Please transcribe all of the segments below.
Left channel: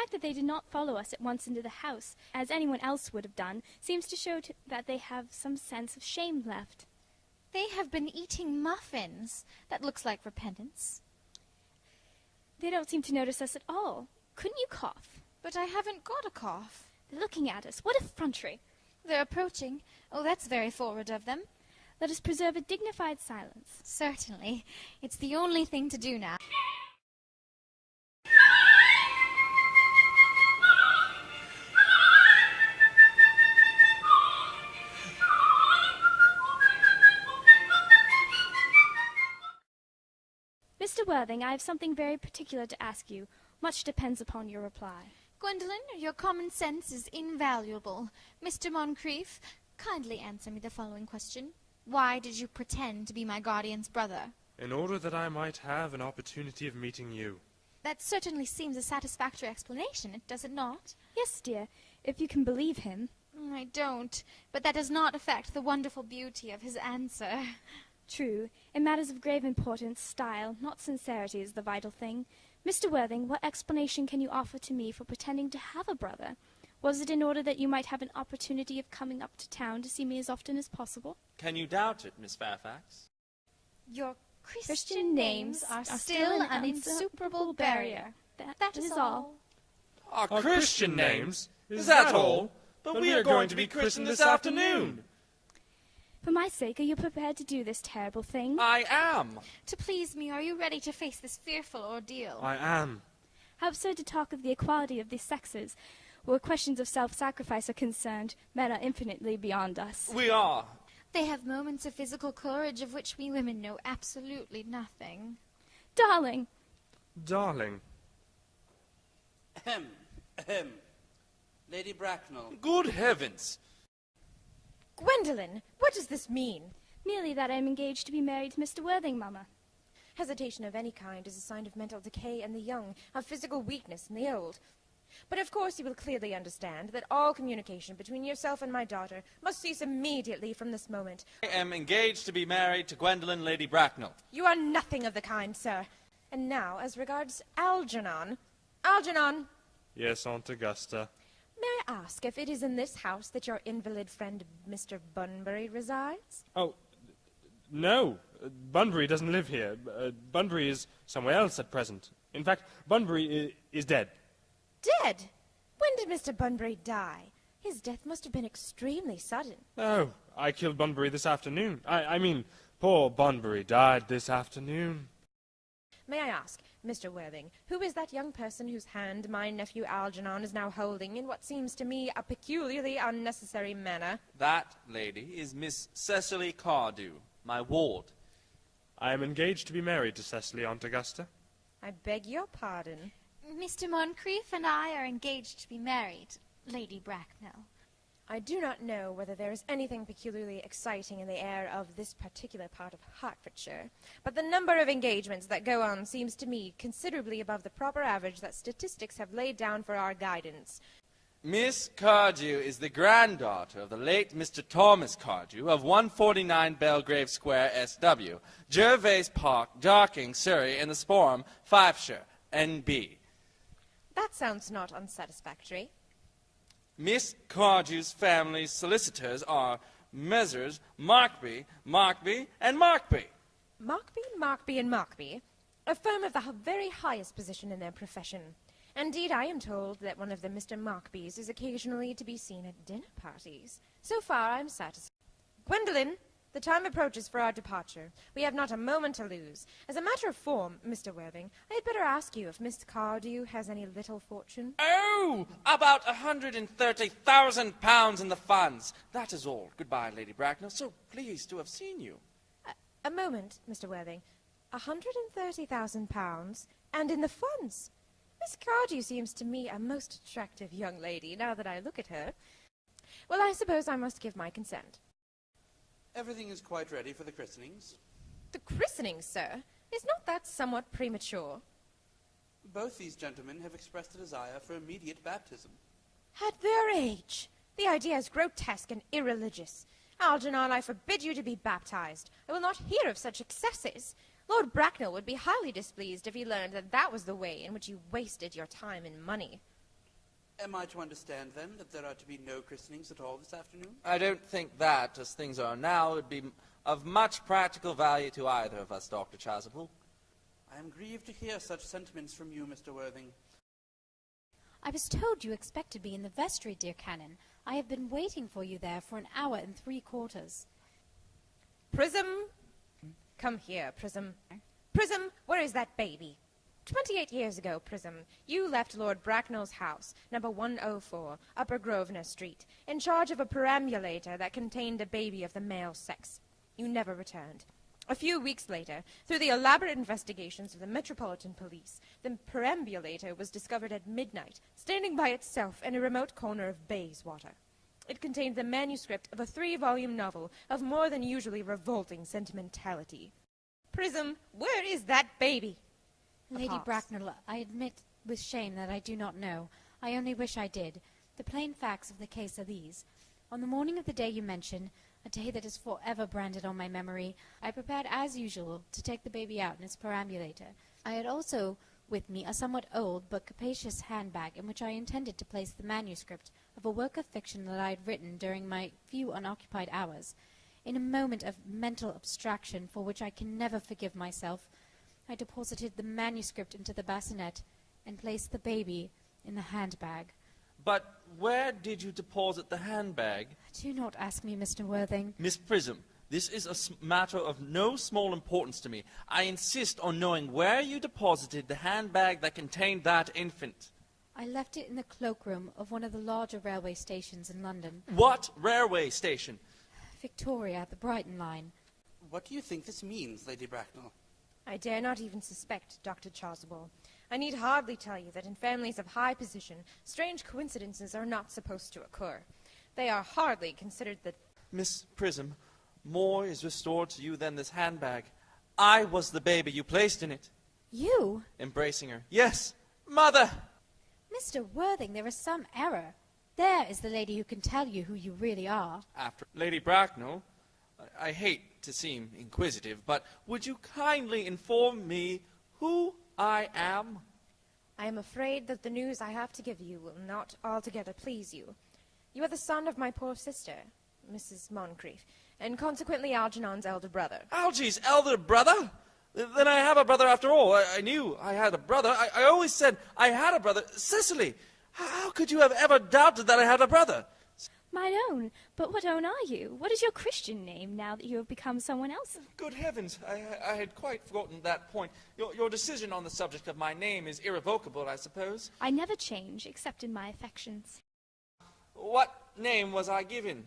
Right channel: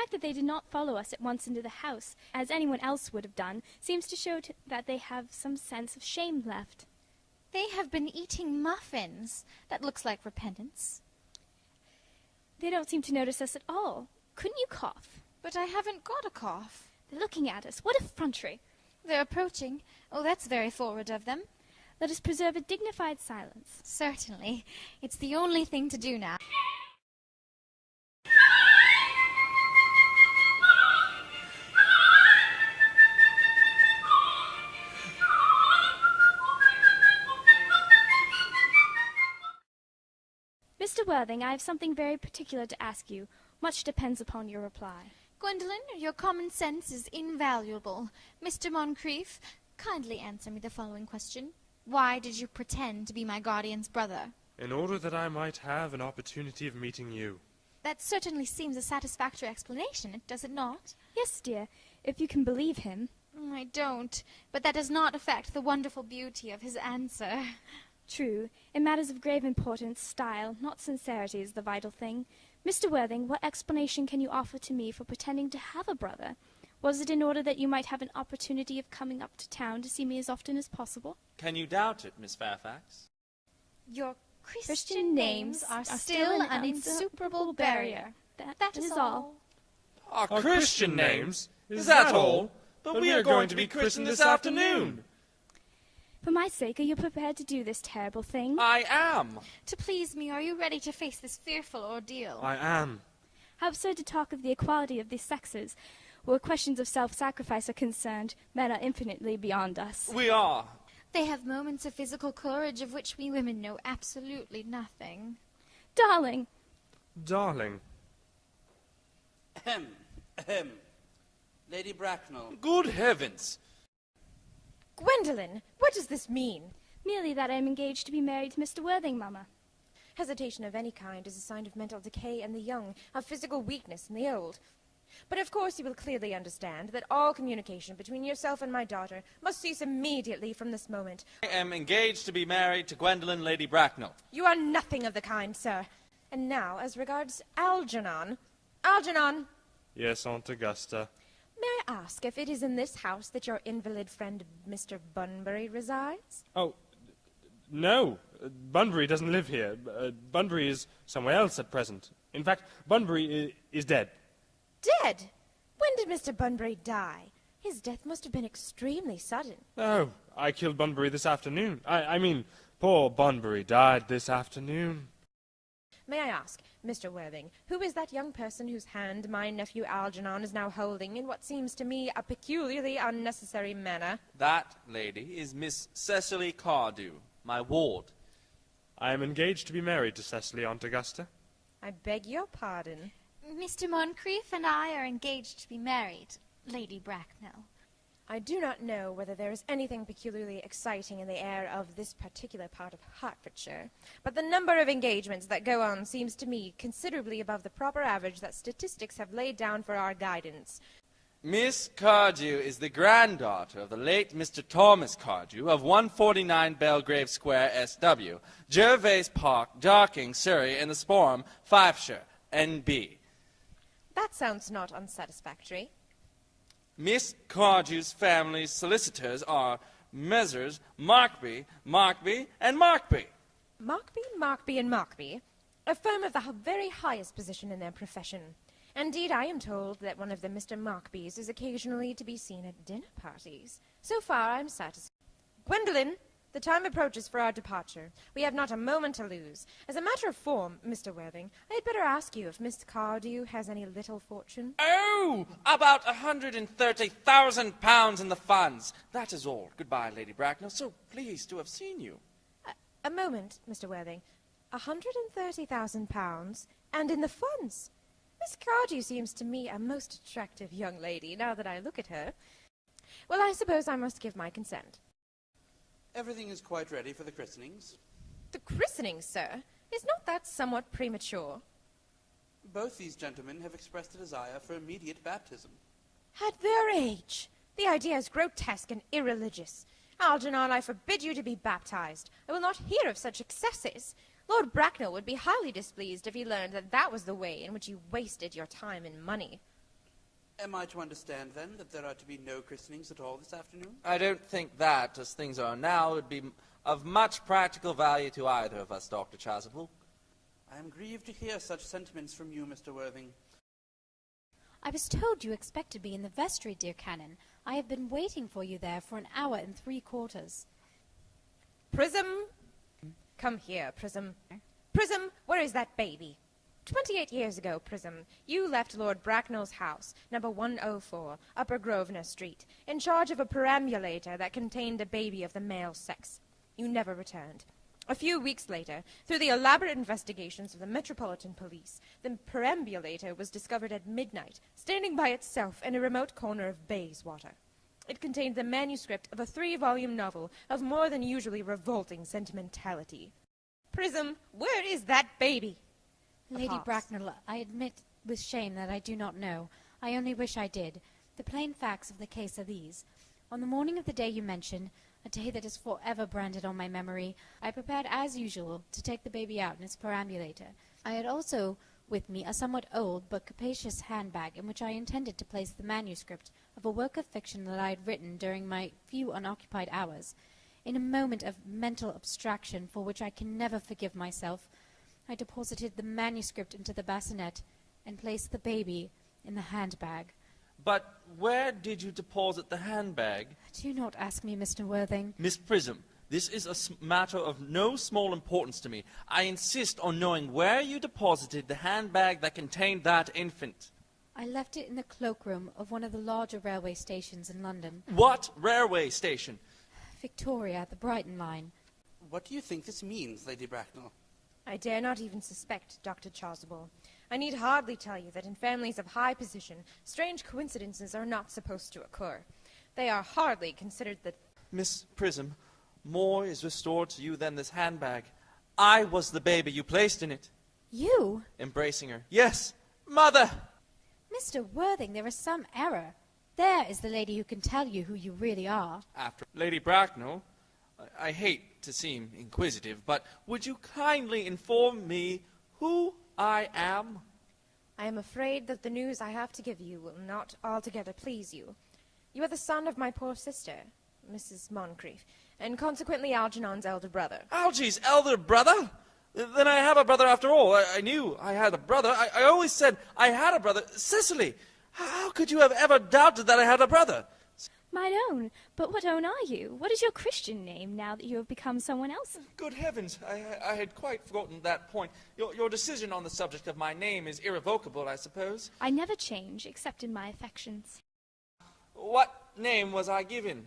fact that they did not follow us at once into the house, as anyone else would have done, seems to show that they have some sense of shame left. They have been eating muffins. That looks like repentance. They don't seem to notice us at all. Couldn't you cough? But I haven't got a cough. They're looking at us. What effrontery! They're approaching. Oh, that's very forward of them. Let us preserve a dignified silence. Certainly. It's the only thing to do now. Mr. Worthing, I have something very particular to ask you. Much depends upon your reply. Gwendolen, your common sense is invaluable. Mr. Moncrief, kindly answer me the following question. Why did you pretend to be my guardian's brother? In order that I might have an opportunity of meeting you. That certainly seems a satisfactory explanation, does it not? Yes, dear, if you can believe him. I don't, but that does not affect the wonderful beauty of his answer. True. In matters of grave importance, style, not sincerity, is the vital thing. Mr. Worthing, what explanation can you offer to me for pretending to have a brother? Was it in order that you might have an opportunity of coming up to town to see me as often as possible? Can you doubt it, Miss Fairfax? Your Christian names are still an insuperable barrier. That is all. Our Christian names? Is that all? But we are going to be christened this afternoon. For my sake, are you prepared to do this terrible thing? I am. To please me, are you ready to face this fearful ordeal? I am. How absurd to talk of the equality of the sexes. Where questions of self-sacrifice are concerned, men are infinitely beyond us. We are. They have moments of physical courage of which we women know absolutely nothing. Darling! Darling. Ahem, ahem. Lady Bracknell. Good heavens! Gwendolen, what does this mean? Merely that I am engaged to be married to Mr. Worthing, Mamma. Hesitation of any kind is a sign of mental decay in the young, of physical weakness in the old. But of course you will clearly understand that all communication between yourself and my daughter must cease immediately from this moment. I am engaged to be married to Gwendolen Lady Bracknell. You are nothing of the kind, sir. And now, as regards Algernon. Algernon! Yes, Aunt Augusta. May I ask if it is in this house that your invalid friend Mr. Bunbury resides? Oh, no. Bunbury doesn't live here. Bunbury is somewhere else at present. In fact, Bunbury is dead. Dead? When did Mr. Bunbury die? His death must have been extremely sudden. Oh, I killed Bunbury this afternoon. I mean, poor Bunbury died this afternoon. May I ask, Mr. Worthing, who is that young person whose hand my nephew Algernon is now holding in what seems to me a peculiarly unnecessary manner? That lady is Miss Cecily Cardew, my ward. I am engaged to be married to Cecily, Aunt Augusta. I beg your pardon. Mr. Moncrief and I are engaged to be married, Lady Bracknell. I do not know whether there is anything peculiarly exciting in the air of this particular part of Hertfordshire, but the number of engagements that go on seems to me considerably above the proper average that statistics have laid down for our guidance. Miss Cardew is the granddaughter of the late Mr. Thomas Cardew of 149 Belgrave Square, S.W., Gervais Park, Dorking, Surrey, in the Sporham, Fifeshire, N.B. That sounds not unsatisfactory. Miss Cardew's family solicitors are Messrs. Markby, Markby, and Markby. Markby, and Markby, a firm of the very highest position in their profession. Indeed, I am told that one of the Mr. Markbys is occasionally to be seen at dinner parties. So far, I'm satisfied. Gwendolen, the time approaches for our departure. We have not a moment to lose. As a matter of form, Mr. Worthing, I had better ask you if Miss Cardew has any little fortune. Oh, about £130,000 in the funds. That is all. Goodbye, Lady Bracknell. So pleased to have seen you. A moment, Mr. Worthing. £130,000, and in the funds. Miss Cardew seems to me a most attractive young lady, now that I look at her. Well, I suppose I must give my consent. Everything is quite ready for the christenings. The christening, sir? Is not that somewhat premature? Both these gentlemen have expressed a desire for immediate baptism. At their age! The idea is grotesque and irreligious. Algernon, I forbid you to be baptized. I will not hear of such excesses. Lord Bracknell would be highly displeased if he learned that that was the way in which you wasted your time and money. Am I to understand, then, that there are to be no christenings at all this afternoon? I don't think that, as things are now, would be of much practical value to either of us, Dr. Chasuble. I am grieved to hear such sentiments from you, Mr. Worthing. I was told you expected me in the vestry, dear Canon. I have been waiting for you there for 1 hour and 3/4. Prism! Come here, Prism. Prism, where is that baby? 28 years ago, Prism, you left Lord Bracknell's house, number 104, Upper Grosvenor Street, in charge of a perambulator that contained a baby of the male sex. You never returned. A few weeks later, through the elaborate investigations of the Metropolitan Police, the perambulator was discovered at midnight, standing by itself in a remote corner of Bayswater. It contained the manuscript of a 3-volume novel of more than usually revolting sentimentality. Prism, where is that baby? Lady Pause. Bracknell, I admit with shame that I do not know. I only wish I did. The plain facts of the case are these. On the morning of the day you mention, a day that is forever branded on my memory, I prepared as usual to take the baby out in its perambulator. I had also with me a somewhat old but capacious handbag in which I intended to place the manuscript of a work of fiction that I had written during my few unoccupied hours. In a moment of mental abstraction for which I can never forgive myself, I deposited the manuscript into the bassinet and placed the baby in the handbag. But where did you deposit the handbag? Do not ask me, Mr. Worthing. Miss Prism, this is a matter of no small importance to me. I insist on knowing where you deposited the handbag that contained that infant. I left it in the cloakroom of one of the larger railway stations in London. What railway station? Victoria, the Brighton line. What do you think this means, Lady Bracknell? I dare not even suspect, Dr. Chasuble. I need hardly tell you that in families of high position, strange coincidences are not supposed to occur. They are hardly considered the... Miss Prism, more is restored to you than this handbag. I was the baby you placed in it. You? Embracing her. Yes, Mother! Mr. Worthing, there is some error. There is the lady who can tell you who you really are. After Lady Bracknell, I hate to seem inquisitive, but would you kindly inform me who I am? I am afraid that the news I have to give you will not altogether please you. You are the son of my poor sister, Mrs. Moncrief, and consequently Algernon's elder brother. Algy's elder brother? Then I have a brother after all. I knew I had a brother. I always said I had a brother. Cecily, how could you have ever doubted that I had a brother? Mine own. But what own are you? What is your Christian name now that you have become someone else? Good heavens, I had quite forgotten that point. Your decision on the subject of my name is irrevocable, I suppose. I never change, except in my affections. What name was I given?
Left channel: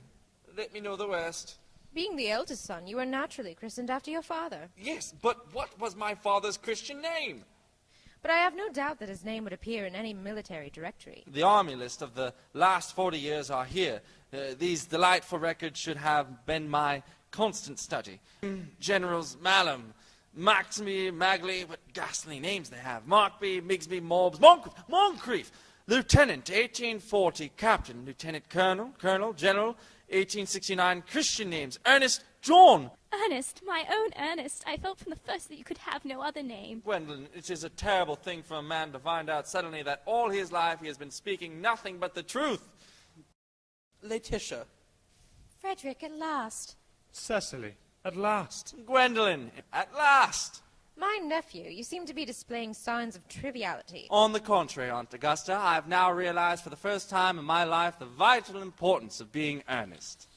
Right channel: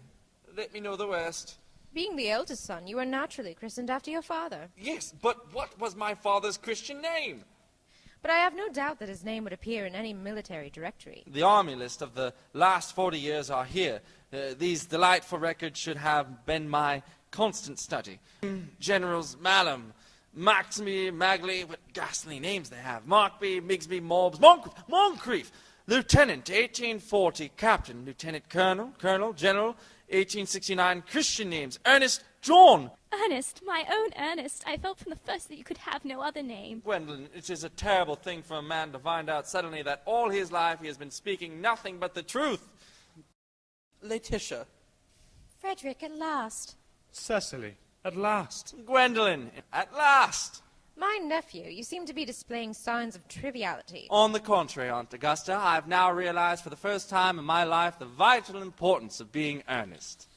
Let me know the rest. Being the eldest son, you are naturally christened after your father. Yes, but what was my father's Christian name? But I have no doubt that his name would appear in any military directory. The army list of the last 40 years are here. These delightful records should have been my constant study. Generals Malum, Maximy, Magley, what ghastly names they have. Markby, Migsby, Mobbs, Moncrief, Lieutenant, 1840, Captain, Lieutenant Colonel, Colonel, General, 1869, Christian names, Ernest, John. Ernest, my own Ernest. I felt from the first that you could have no other name. Gwendolen, it is a terrible thing for a man to find out suddenly that all his life he has been speaking nothing but the truth. Laetitia. Frederick, at last. Cecily, at last. Gwendolen, at last. My nephew, you seem to be displaying signs of triviality. On the contrary, Aunt Augusta, I have now realized for the first time in my life the vital importance of being earnest.